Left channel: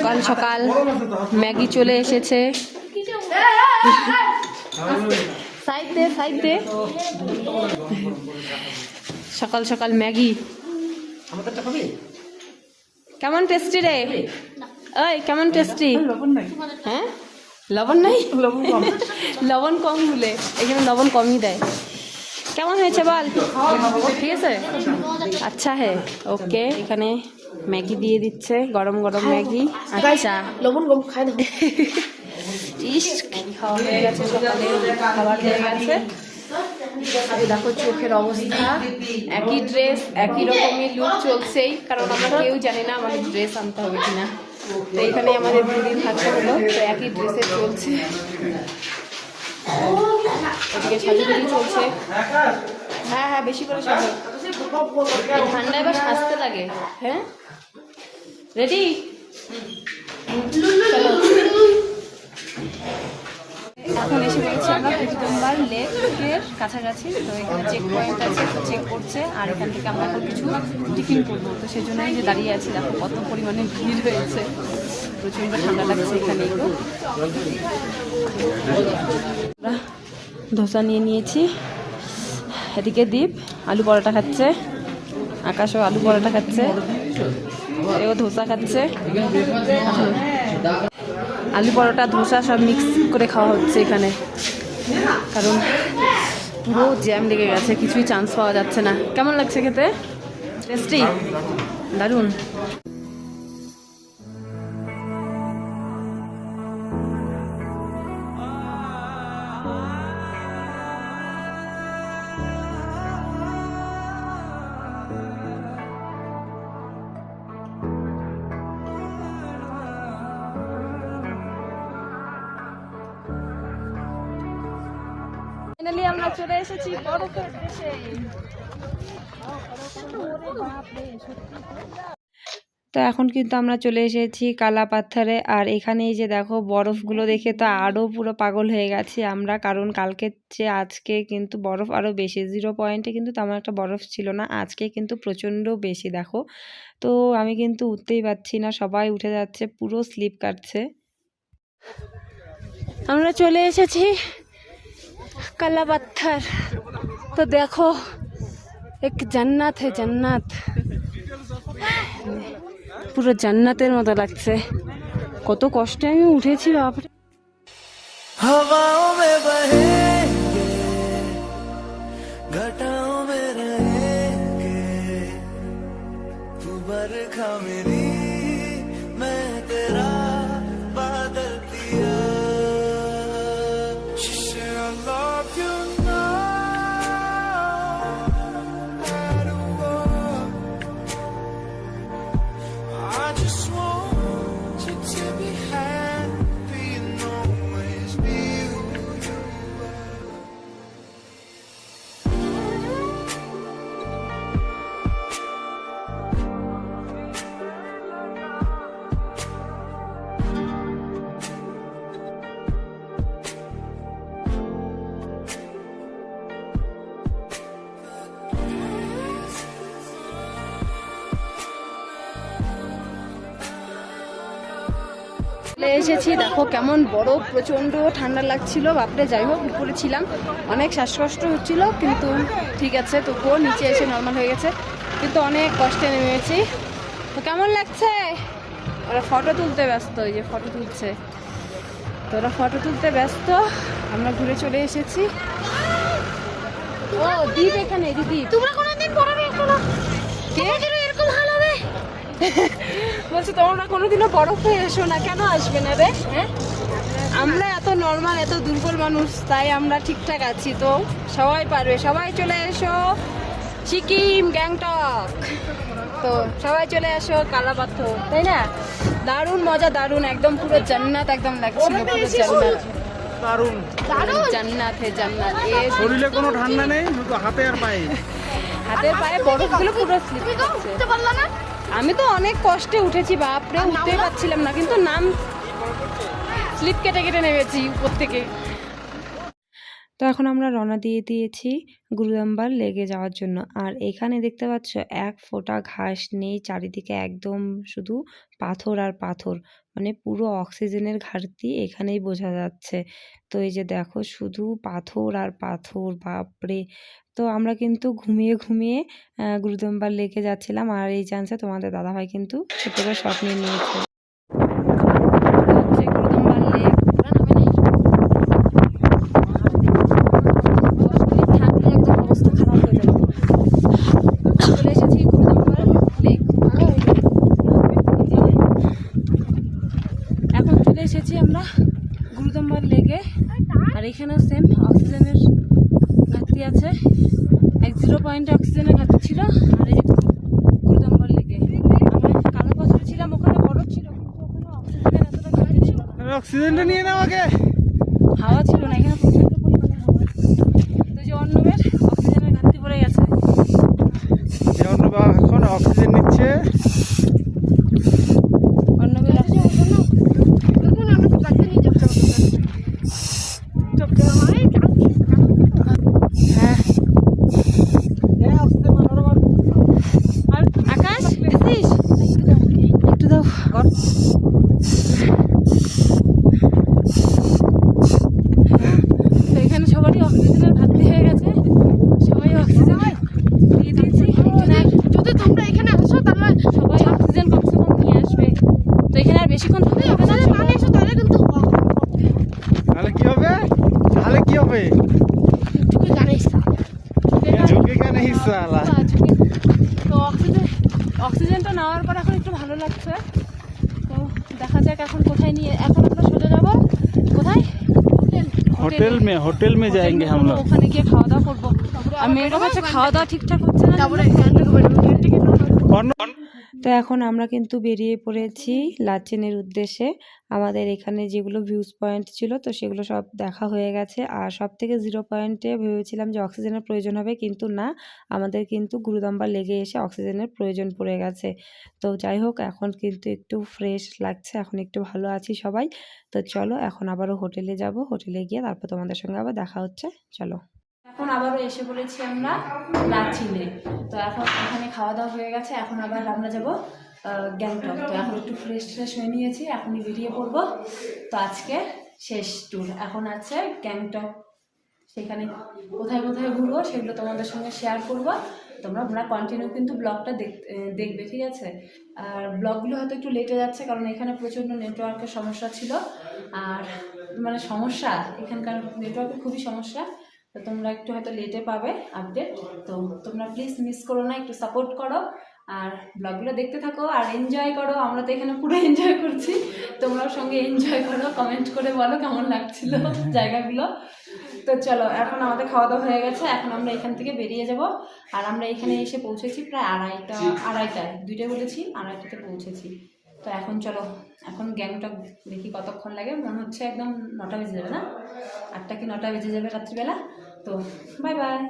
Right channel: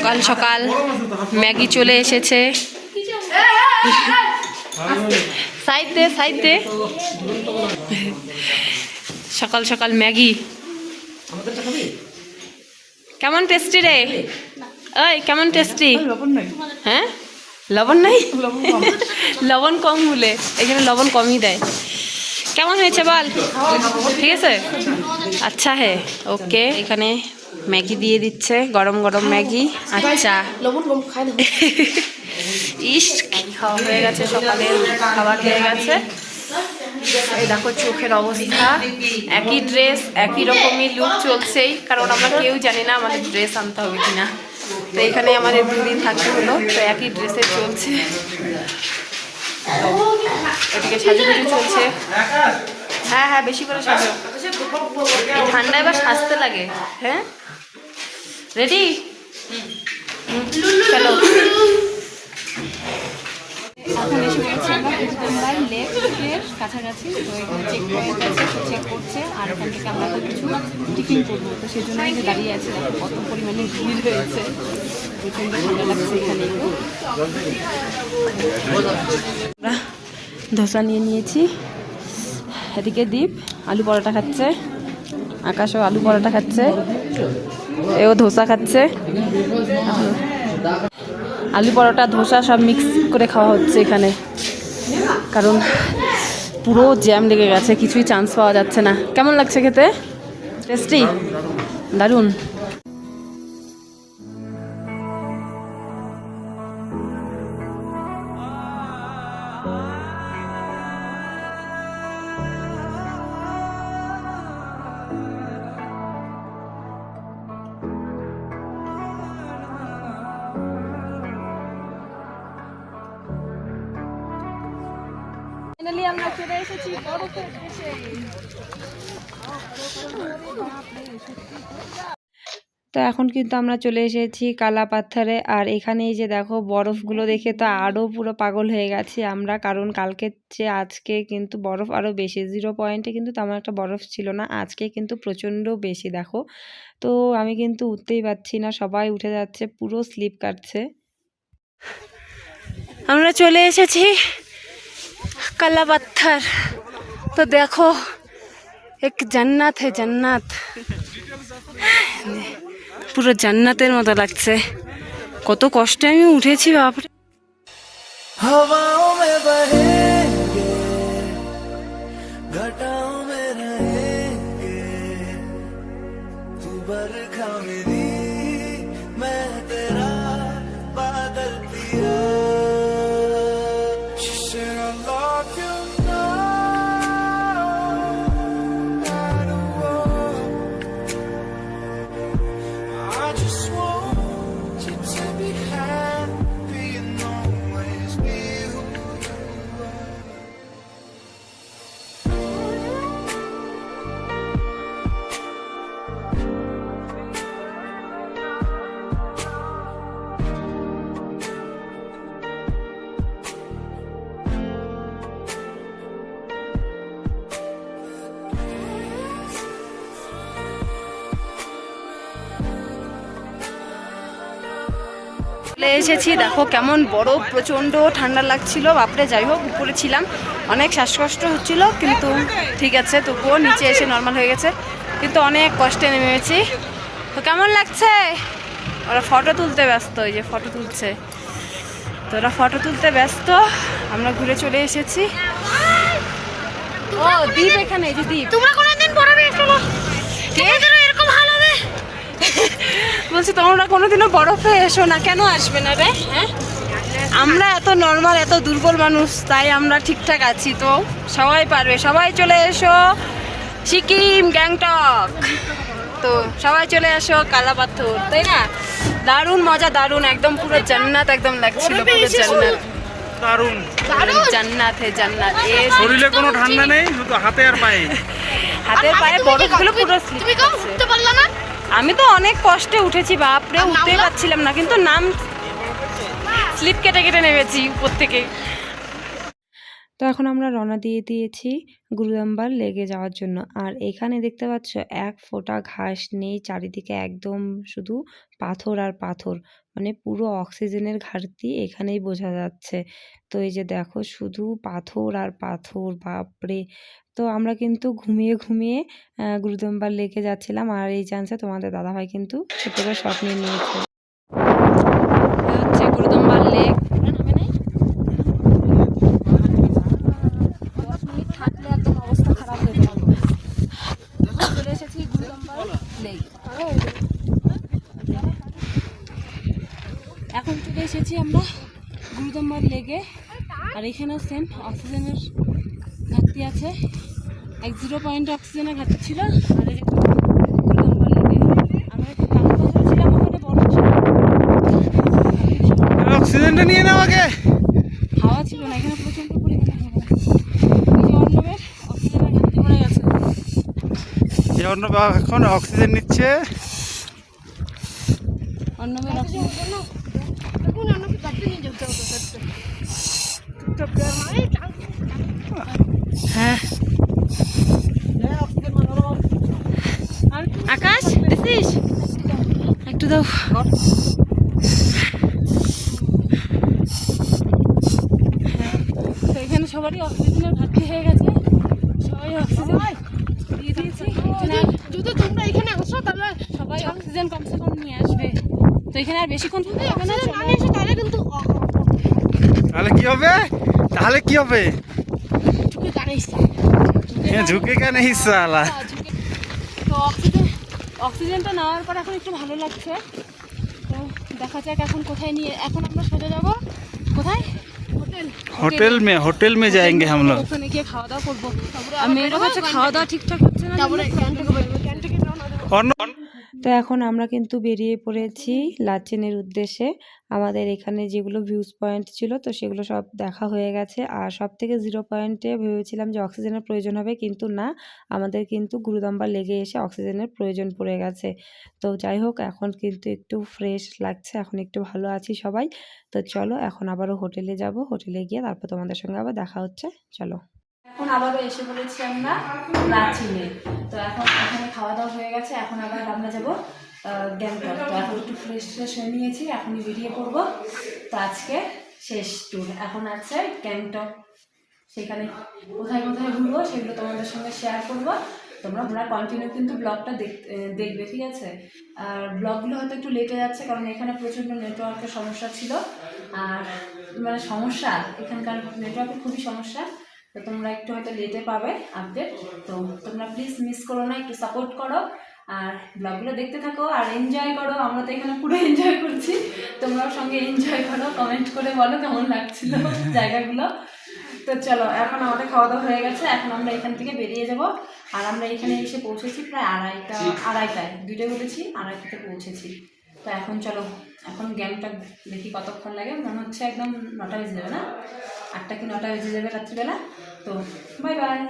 সকাল সকাল ম্যাগি চলে এসেছে। সাইড দে সকাল সকাল ম্যাগি। কেমন টেস্টি রে? ওই কেমন টেস্টি? হ্যাঁ লবণ নাই, লবণ কম বলে এখানে লবণ কমই দেয়। কেমন হয়েছে বল? ঠিক আছে, আচ্ছা হ্যাঁ ওকে। এখানে ম্যাগি দিয়ে দিচ্ছে, গরম গরম ম্যাগি। আচ্ছা লবণ কম খাই না। ইস খাওয়া হয়ে গেছে, সকালের খাবার হয়ে গেছে। এই দেখো চোখের অবস্থা, একই ড্রেস একই রকমই লুক চলছেই, কারণ আমরা কেউ জানি না আমাদের ড্রেস আনতে হবে কিনা। তো এখানে আমাদের দুদিন থাকতে হলো, তো একই ড্রেসে চলছে। ওদিকে সাজুগুজু চলছে। হ্যাঁ হ্যাঁ বেশি করে সাজো, এই ঠান্ডায় এবার সাজতে লাগে। হ্যাঁ রেডি, চলো। এখন এসে পড়েছি আমরা কুতুবুম্বার লেকের কাছাকাছি। তো এখানে চেক পয়েন্ট আছে, তো চেক করছে। আর এখান থেকে আমরা এখন কিছু টিফিন করবো, তো সেই জন্যই যে দাঁড়িয়ে আছি। দেখো কত পরিমাণে ভিড় হয়েছে, প্রচণ্ড ঠান্ডা লাগছে এখানে। একটু আমরা ধোসা নিয়ে নিয়েছি। এদিকে দীপ আলু পরোটা খাচ্ছে, আকাশও আলু পরোটা খাচ্ছে, এও ধোসা খাচ্ছে। আলু পরোটা ধোসা সব মিক্স করে খাওয়া হচ্ছে এখানে, কারণ পুরো জ্যাম লেগে গেছে, কিছুই চান্স পাওয়া যাচ্ছে না। কেমন লাগছে খেতে? টেস্টি, দারুণ। ফাইনালি আমরা চলে এসেছি বরফের দেশে। তো এখন কিন্তু আমরা চলে এসেছি কালা পাথরে। আর এখানে এই যে দেখো বরফগুলো দেখে তো আরও পুরো পাগল হয়ে গেছি আমরা, কারণ কালকের চেয়ে আজকে কিন্তু বরফ আরও বেশি। 0 পয়েন্টে কিন্তু তেমন একটা বরফ ছিল না, আজকে কিন্তু প্রচণ্ড বেশি দেখো। তো আমি কিন্তু উঠতেই পারছি না, সবাই উঠে যাচ্ছে, পুরো স্লিপ কাটছে। আমরা চলে এসেছি काला पत्थर। तो देखो एक जन्नत है, जन्नत পুরো জান্নাতের মতো লাগছে। কত কষ্টে আমি উঠেছি বাপরে। हवाओं में बहेंगे, घटाओं में रहेंगे, तू बरखा मेरी मैं तेरा बादल पिया। এসেছি দেখো কেমন বরফ, প্রচণ্ড ঠান্ডা লাগছিল বাপরে। যাই হোক উপরে ছিলাম, অনেক শ্বাসকষ্ট হচ্ছিল, কিন্তু ঠিক আছে, তবুও নিচে এসে নর্মাল হয়ে গেছে, কিন্তু অনেক কষ্টে নেমেছি। তো কেমন লাগছে? ওরা ফটো তুলতে ব্যস্ত, এই যে ফটো তুলছে, তো ওরা ফটো তুলতে ব্যস্ত, আমরা ঘুরে চলে এসেছি। ও দ্বীপ এখানে, এই যে দ্বীপ। তোমরা কোনোদিন বরফে এসো? এরকম ভালো হবে বলছি তোমরা কোনোদিনও বরফে এসো না, কেন আসবে না রে? হ্যাঁ আমরা এত নর্মাল, এত দুর্বল মানুষ, তাই আমরা ঠিকঠাক আছি। তো সবাই পারবে, সবাই চলে এসো সিকিম, গ্যাংটক। তো সবাই চলে আসো কালা পাথর, তাই না? দারুণ মজা, দারুণ, একদম পুরো জান্নাত একদম লাগছিল, পুরো জান্নাত, দারুণ জান্নাত হে জান্নাত। শরীরে কোনো ঠান্ডা নেই, শুধু হাতে আর পায়ে, হাতের পায়ে বরফগুলো পুরো স্লিপ করছে। আমি তো অনেক কষ্টে উঠেছি বাপরে, উঠতেই পারছিলাম না, কিন্তু নাম স্লিপ কেটে কেটে নেমেছি উপর থেকে। তো এখন আমরা রওনা দিয়ে দিয়েছি গুরুদাম্বার লেগে যাওয়ার জন্য। আর এখানে দেখতে পাচ্ছ এক ফোঁটা ঘাস নেই, চারিদিকে একদম শুধু পাথর আর পাথর, মানে পুরো অক্সিজেনের ঘাটতি এখানেই বোঝা যাচ্ছে। তো এই যে দেখো শুধু পাথর আর পাথর, বাপরে! তো আমরা কিন্তু ঘুমিয়ে ঘুমিয়ে গুরুদাম্বার লেকে যাচ্ছিলাম, আর এই চান্সে তোমাদের দাদাভাই কিন্তু ছোট্ট করে শট নিয়ে নিয়েছে। হচ্ছে গুরুদাম্বার লেক, থাকলে একদম অবস্থা খারাপ হয়ে যাবে। চলে এসেছি গুরুদাম্বার লেক। এখন চলে এসেছি আমরা গুরুদাম্বার লেকে, আর এখানেও সেম অক্সিজেনের ঘাটতি আছে, 0 পয়েন্টে অক্সিজেনের ঘাটতি ছিল। আর এই যে গুরুদাম্বার লেকে আমরা কালকে কথা ছিলাম, ওখানে বরফ ছিল, অক্সিজেনটা নিয়ে নাও আগে। হাওয়া ছিল না, এখানে প্রচন্ড পরিমাণে হাওয়া। এই যে অর্ণবের অক্সিজেনের ঘাটতি পড়ে গেছে। এই অর্ণব এখন অক্সিজেন নিচ্ছে। অর্ণবের হ্যাঁ আকাশ দিছিস একটু দাও। তো এখানে সবারই অক্সিজেনের ঘাটতি হয়ে গেছে, সবাই অক্সিজেন দিয়ে দিয়েছি। যদি তোমরা এখানে আসো তাহলে সবাই অক্সিজেন কমসে কম নিয়ে আসবে। তো এখানে আর বেশিক্ষণ থাকতে হবে না। অক্সিজেন না নিয়ে এসো তাহলে কিন্তু তাহলে কি হবে? তাহলে কি হবে? জানিস ঝুঁকে কেন হিসালা? তো অক্সিজেনটা নেওয়ার পর এখন একটু ভালো লাগছে। তো দেখা যাক এখন কোথায় নিয়ে, এখন আমরা সোজা যাবো কোথায়? होटल में जाएंगे हम लोग। ওখানে গিয়ে খাওয়া দাওয়া করবো। আর মেয়েরও কাছে খাওয়া দাওয়া ঠিকঠাক হচ্ছে না। তারপরে এখান থেকে বেরোবো। তো এখন আমরা কিন্তু বেরিয়ে পড়েছি লাচেনের উদ্দেশ্যে। আমাদের এখানে যেগুলো ভিউজ পয়েন্ট ছিল তো সেগুলো সব দেখা হয়ে গেছে। আর সব থেকে 0 পয়েন্টে ভেবেছিলাম যে অক্সিজেনের প্রয়োজন হবে, কিন্তু না, আমাদের কিন্তু গুরুদাম্বার লেগে এসে অক্সিজেনের প্রয়োজন পড়ে গেছে। তো যাই হোক, এখন কিন্তু একটু ফ্রেশ লাগছে, এখন একটু ভালো আছি সবাই। তো চলো এখন আবারও হোটেলে যাব, হোটেলে গিয়ে তারপর তোমাদের সঙ্গে আবার দেখা হচ্ছে। চলো, এখন আবারও এসে পড়েছি আমরা লাচিনে। তো এখন এখানে খাওয়া দাওয়া হয়ে গেছে, এখন আবার আমরা যাব গ্যাংটক। তো এখন একটু ফ্রেশ হয়ে নিয়েছি, এখনই বেরিয়ে পড়বো। তো আজকে শেষ ট্যুর এখন আছে গ্যাংটক, সেখানে কোথায় কোথায় ঘুরবো সেগুলো তোমাদের সঙ্গে শেয়ার করবো। তোমরা কন্টিনিউ কিন্তু ব্লগটা দেখবে, ঠিক আছে? আর ব্লগগুলো হয়তো একটু লেটে যাচ্ছে, কারণ এখানে প্রচণ্ড নেটওয়ার্কের সমস্যা ছিল। আর মানে সমস্যা, এখানকার নেটওয়ার্কের খুবই সমস্যা। তো তোমরা একটু হয়তো লেটে পাবে আপডেট। তো তোমরা প্লিজ মিস করো না, একটু সাপোর্ট করো আর ব্লগগুলো দেখতে থাকো আর এনজয় করো। আমরা তো এখানে পুরো এনজয় করছি, তোমরাও সঙ্গে এনজয় করো। কমেন্ট করে বলো কেমন লাগছিল জায়গাগুলো। তো চলো, এখন আমাদের খাওয়া দাওয়া হয়ে গেছে, এখন আমরা এখান থেকে বেরিয়ে যাব। আর আমরা এখানে এসে পৌঁছেছি প্রায় আড়াইটায়, 2টায় বলেছি, 2:30টাতে পৌঁছেছি। তো এখন চলো, এখন গ্যাংটক দেখি কতক্ষণ লাগে। মনে হচ্ছে একদম 9টা বেজে যাবে, না 8টা কি 9টা বেজে যাবে রাত্রিবেলা। তো বাই বাই।